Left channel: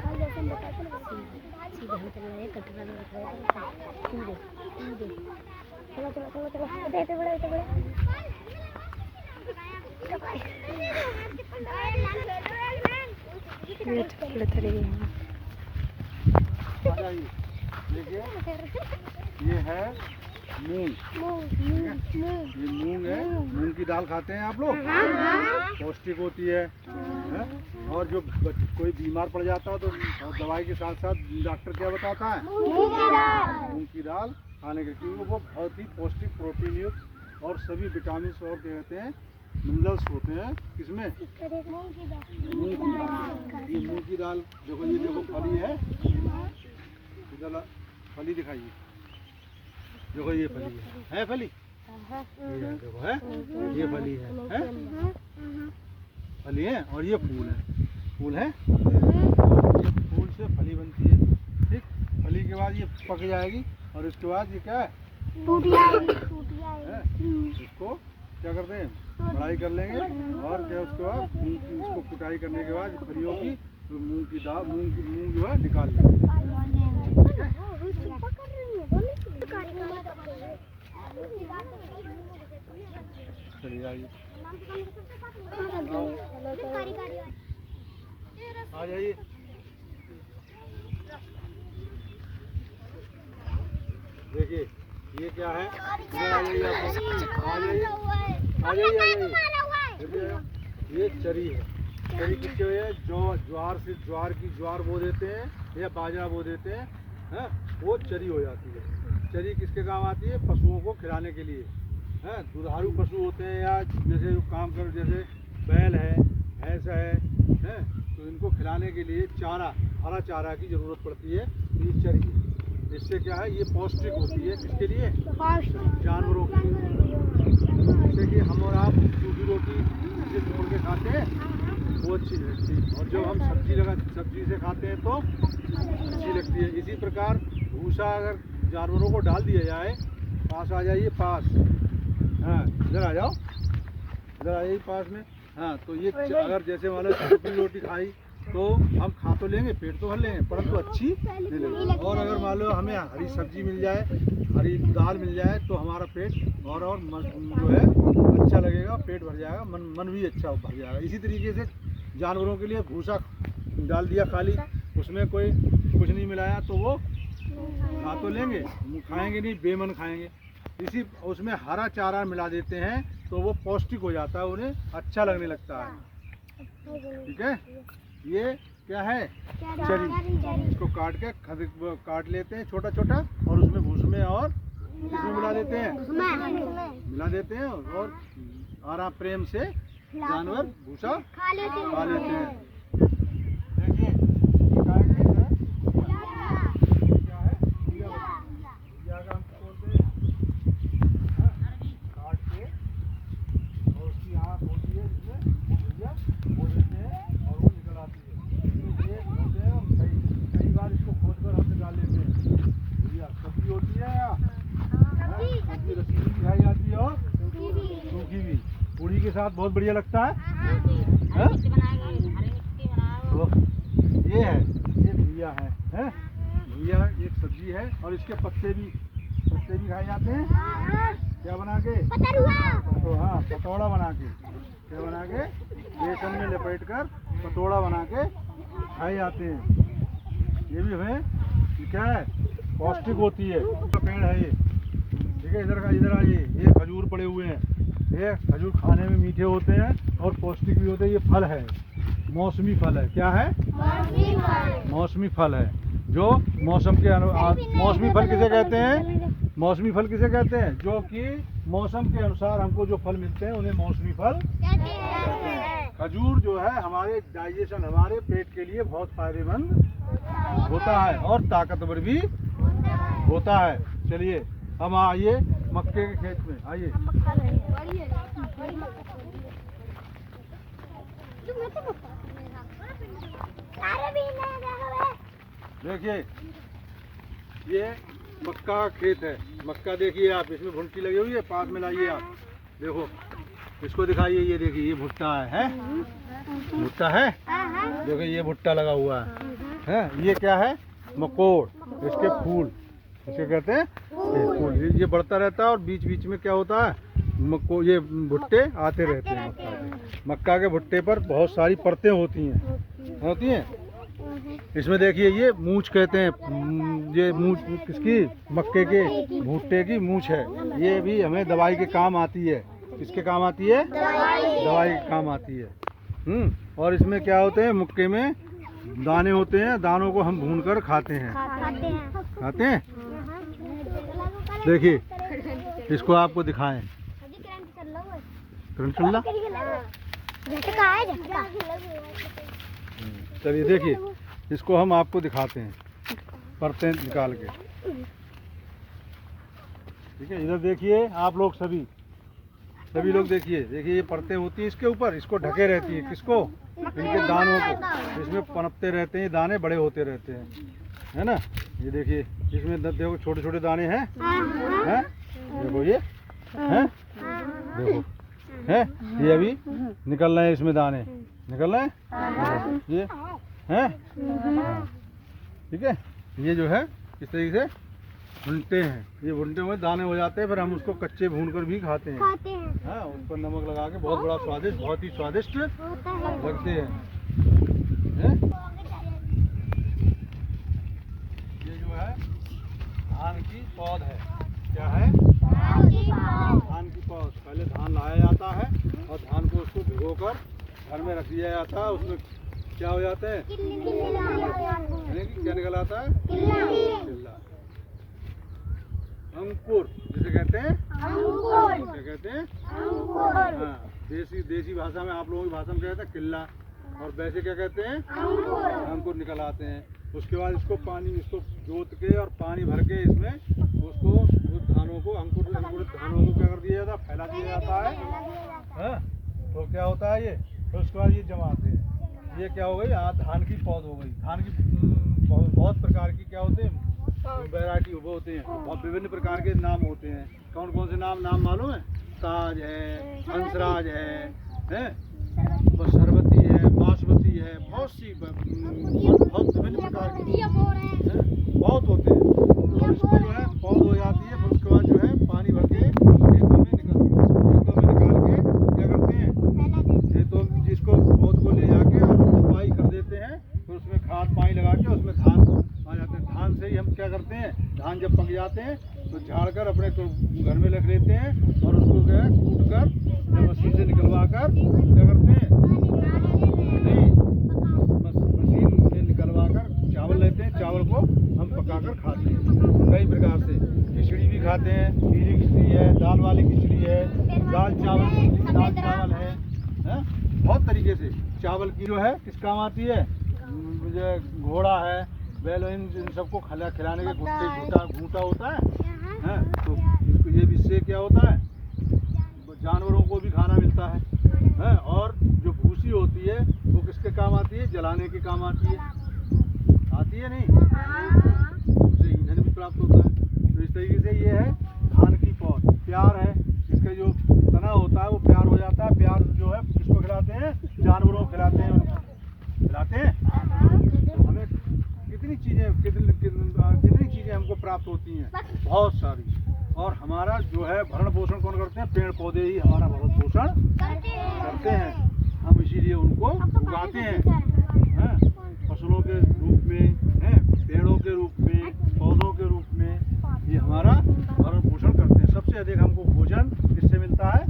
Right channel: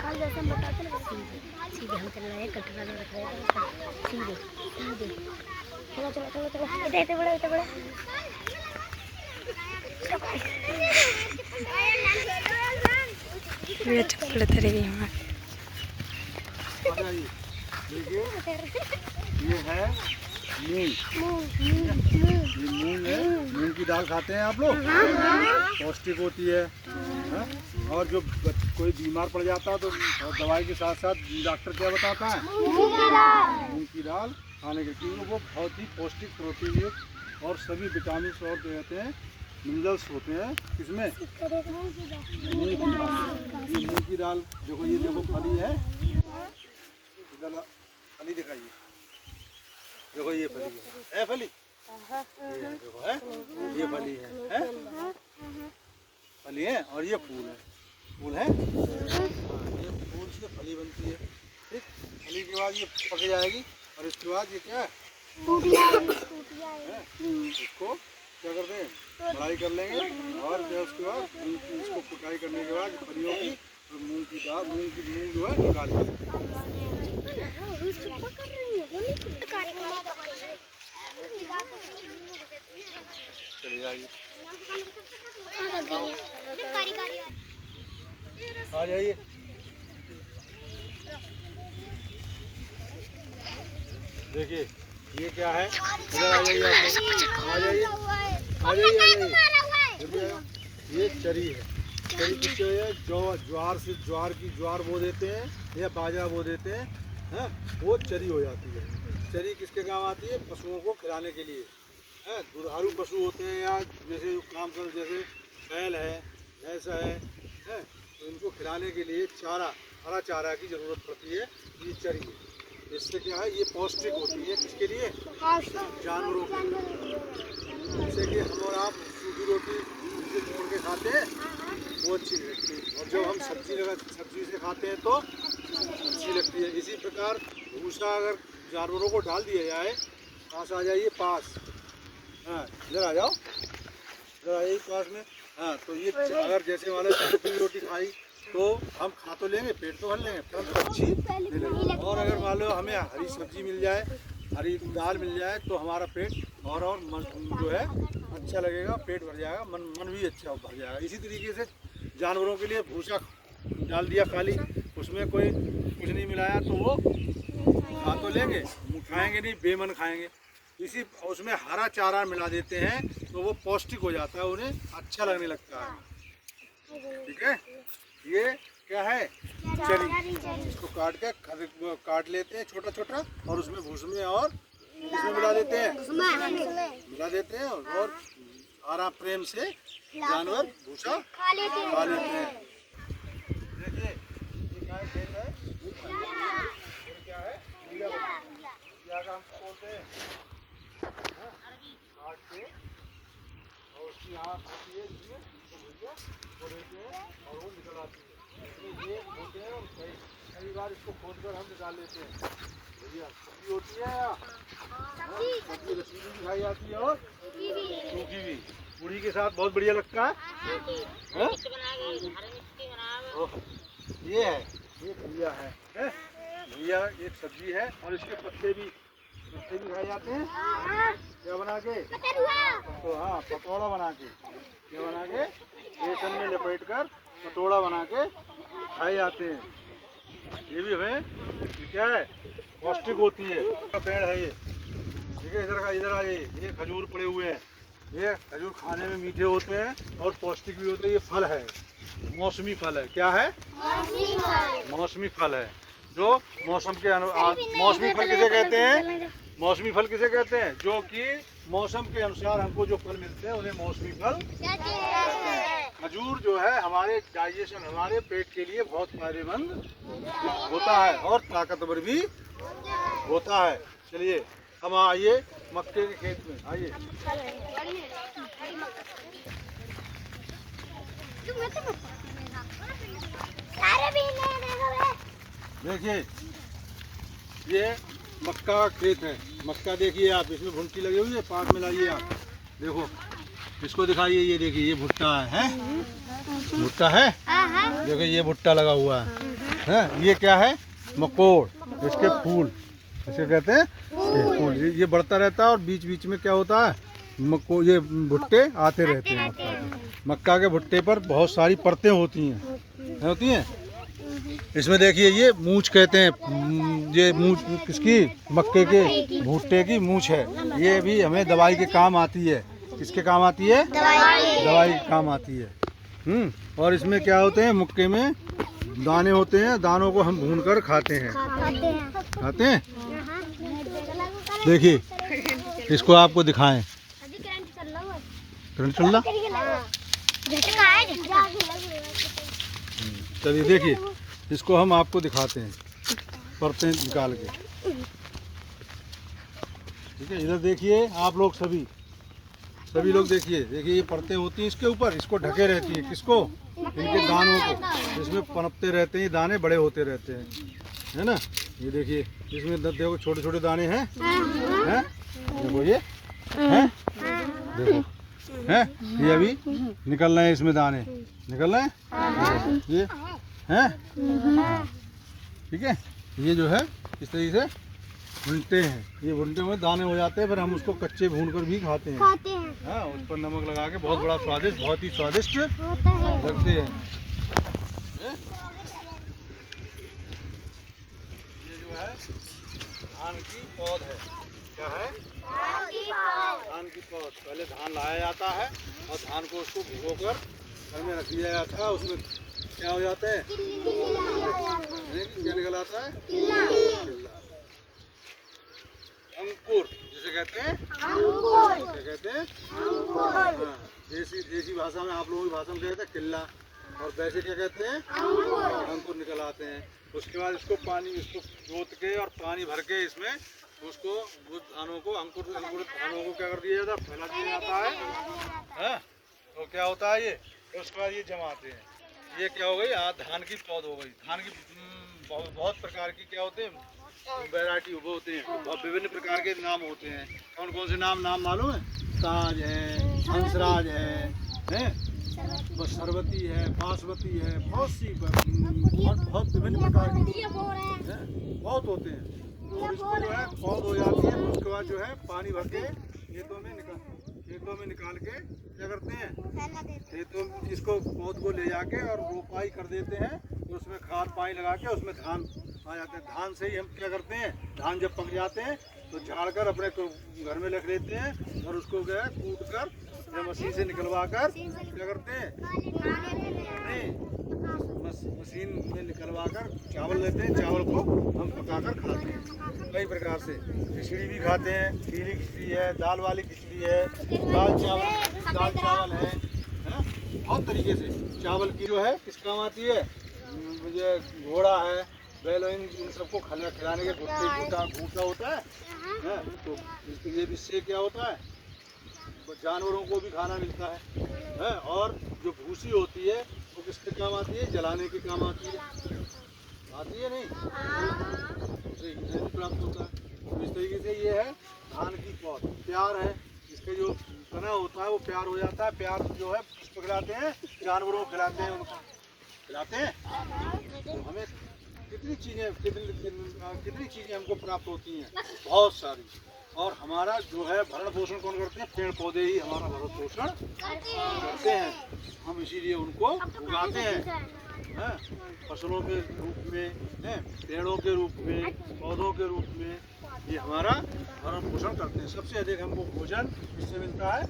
कल जैसे हम बताते ना सीधे हम चल रहे हैं, कटरा में रख रहे हैं सीधे सीधे। चलो चलो चलो चलो, इतने बड़े इतने बड़े। ये चप्पल तेरे हैं। ये है मूंग। ये मूंग है, मूंग की दाल खाते हैं आप लोग, पौष्टिक होती है। और जो कोई बीमार पड़ जाता है तो दवाई के साथ साथ डॉक्टर क्या बताता है, मूंग की दाल खाने के, क्योंकि वो बहुत ही पौष्टिक, प्रोटीन युक्त और सभी विटामिन और जो कहते हैं मिनरल्स होते हैं। किसमें? मूंग की दाल। ये मूंग की दाल देखो, ये देखो फली है, फली दिखाइए, देखो ये फली है फली, ये देखो है, ये फली है फली है। और ये फूल है, फूल है, ये फूल से फली बनती है। ठीक, फली के बाद ये पक जाएगी और इसके बाद ये क्या है, इसको क्या करते हैं, बढ़ाई कर लेंगे। और क्या उसके बाद इसको कुटाई करने के बाद फलियों की, तो मूंग की दाल, मूंग जो है निकाल लेंगे। चलिए आइए, आ जाइए। देखिए ये क्या है, आ जाइए आ जाइए। ये चरी है, चरी किसके है, ज्वार से, ज्वार बो देते हैं या बाजरा बो देते हैं, हाँ, वो चरी हो जाती है। चरी किसके काम आती है, पशुओं को खिलाने के लिए। हैं, दुधारू पशु होते हैं या जैसे जो काम कर, जैसे बैल है, भैंस है, तो इनको खिलाने के लिए चारा, हरा चारा की ज़रूरत पड़ती है। ये चरी है, इससे क्या है, ये पौष्टिक होती है। किसके लिए, जानवरों के लिए। जैसे कि हम और आप सूखी रोटी से तोड़ के खाते हैं, वो अच्छी नहीं लगती, और जब हम सब्जी से खाते हैं तो अच्छी लगती है। इसी प्रकार भूसा अगर जानवरों को डाल दिया जाए, पास आ जाइए, पास, हाँ इधर आ जाओ, इधर आ जाइए पास में। हाँ, तो ये अगर जैसे मान लो सूखी रोटी खाई तो हम खा तो लेंगे, पेट तो भर लेंगे, परंतु अच्छी नहीं लगेगी। और अगर मान लो हमें हरी सब्जी मिल जाए, हरी दाल मिल जाए, तो हमारा पेट और जो है अच्छा लगेगा, पेट भर जाएगा, मन भी अच्छा भर जाएगा। इसी तरीके से जानवरों के लिए भूसा डाल दिया खाली, उसमें कोई कुछ नहीं मिलाया, तो वो खा तो लेंगे, खाएंगे नहीं, बेमन खाएंगे। इसी उसमें हरा चारा मिला देते हैं तो वो पौष्टिक हो जाता है, उन्हें अच्छा लगने लगता है। ठीक है, ये क्या है, चरी। इसको काट लेते हैं छोटा छोटा, और उसमें भूसे और इसमें मिला देते हैं, और आराम प्रेम से जानवर भूसा खा लेते हैं। इसको खोद कर हम निकाल लेते हैं। भैया सब्जी होती है या सब्जी रसीली भी खाई जाती है और सूखी भी, पूड़ी के साथ बहुत बढ़िया लगता है। तो ये है, ये भैया है, भैया एक सब्जी है, और इसके पत्ते भी खाए जाते हैं। क्या बना के, तो हाँ, पतौड़ा बना के, क्या बना के, बेसन में लपेट कर पतौड़ा बना के खाए जाते हैं। ये भी हमें क्या है, पौष्टिक होती है। पेड़ है ये, ठीक है, इधर आइए, ये खजूर पड़े हुए हैं। ये खजूर खाने में मीठे होते हैं और पौष्टिक भी होते हैं। ये फल है, मौसमी फल है। क्या है, मौसमी फल है, जो मौसम के अनुसार। मौसमी फल किसे कहते हैं, मौसमी फल किसे कहते हैं, जो कि मौसम के अनुसार हमको जो फल मिलते हैं उन्हें मौसमी फल कहते हैं। खजूर जो है हमारे डाइजेशन, हमारे पेट के लिए बहुत फायदेमंद होता है और ताकतवर भी होता है। चलिए अब आइए मक्के के खेत में, आइए। देखिए ये मक्का का खेत है। मक्का देखिए आप, इसमें भुट्टी लगी हुई है, पास में लाइए आप, देखो इसको दिखाइए। ये देखिए ये भुट्टा है, भुट्टा है, देखो ये भुट्टा लगा हुआ है। ये क्या है? मकोड़, इसके फूल, इसे कहते हैं फूल। ये बढ़ता रहता है और बीच बीच में क्या होता है, ये भुट्टे आते रहते हैं। मक्का के भुट्टे पर बहुत सारी परतें होती हैं। इसमें देखिए ये मूंछ कहते हैं, ये मूंछ किसकी? मक्के के भुट्टे की मूंछ है। ये भी हमें दवाई के काम आती है। किसके काम आती है? दवाई के काम आती है। और इसमें क्या होते हैं, मक्के में दाने होते हैं, दानों को हम भूनकर खाते हैं। देखिए इसको आपको दिखाएं। चलिए देखिए इसको हम आपको दिखाते हैं, परतें निकाल के। ठीक है, इधर देखिए आप लोग सभी लोग देखिए ये परतें होती हैं इसके ऊपर, इसको ढके रहती हैं। किसको? इनके दानों को। इसमें पनपते रहते हैं, दाने बड़े होते रहते हैं, है ना। ये देखिए इसमें देखो छोटे छोटे दाने हैं, देखो ये हैं, देखो हैं, ये अभी निकल रहे हैं, इसमें दाने निकल रहे हैं, ये हैं। ठीक है, ये जो है इस तरीके से भुनते हैं। ये भुनते हुए दाने हो जाते हैं, फिर हम उसको कच्चे भूनकर भी खाते हैं। उस पर नमक लगा के बहुत बड़ा स्वादिष्ट, बहुत ही स्वादिष्ट लगते हैं। ये जो है धान की पौध है। क्या है? धान की पौध। पहले धान लाया जाता है और धान को उसको भिगोकर घर में रख दिया जाता है। उसमें क्या हो जाता है? क्या निकल आता है? किल्ला। अंकुर जिसे कहते हैं, हाँ, देसी भाषा में, आप लोगों की भाषा में कहते हैं किल्ला, और वैसे क्या कहते हैं? अंकुर निकल आते हैं। उसके बाद इसको जोत के और पानी भर के इसमें उसको उस धानों को अंकुरित धानों को क्या कर दिया जाता है? फैला दिया जाता है। तो क्या होता है ये? तो उसके बाद ये जमाते हैं। ये क्या हो गई? धान की पौध हो गई। धान की बहुत प्रकार की क्या होते हैं? वैरायटी वो होते हैं, बहुत विभिन्न प्रकार के नाम होते हैं। कौन कौन से नाम मालूम है? ताज है, हंसराज है, सरबती है, बासमती है, बहुत सी बहुत विभिन्न प्रकार की बहुत होते हैं। तो इसको जो है पौध हो जाती है, उसके बाद जो है पानी भर के खेतों में निकाल के क्या करते हैं? खेतों में जिसको पौध को ले जाके और रोपाई कर देते हैं, तो उसमें खाद पानी लगा के उसमें धान आ जाते हैं। धान से ही हम क्या करते हैं? धान जब पक जाते हैं तो झाड़ कर अपने घर में रख लेते हैं और उसको क्या है कूट कर या मशीन से निकलवा कर क्या करते हैं? नहीं, मशीन में निकलवा कर चावल लेते हैं। चावल को हम पका कर खाते हैं कई प्रकार से। खिचड़ी भी खाते हैं, पीली खिचड़ी है, दाल वाली खिचड़ी है, दाल चावल है, बहुत तरीके से। चावल की जो है किस काम आती है? मुझे घोड़ा है, बैल, इन सबको खिलाने के घूटा होता है। तो ये इससे क्या होता है? जानवरों को भी खाना मिलता है। और जो भूसी होती है वो किसके काम आती है? जलाने के काम आती है नहीं? उससे ईंधन भी प्राप्त होता है। तो इस तरीके से ये है धान की पौध। प्यार है, इसका जो तना होता है वो प्यार हो जाता है। प्यार जो है किसको खिलाते हैं? जानवरों को खिलाते हैं, उनको खिलाते हैं। तो हमें कितनी चीज़ें हमको प्राप्त होती हैं, बहुत सारी। और हमारा जो है भरण पोषण कौन करते हैं? पेड़ पौधे ही हमारा भरण पोषण करते हैं। हम इसीलिए उनको उगाते हैं, फसलों के रूप में, पेड़ों के रूप में, पौधों के रूप में। ये हमारा भरण पोषण करते हैं। सबसे अधिक हमको भोजन किससे मिलता है?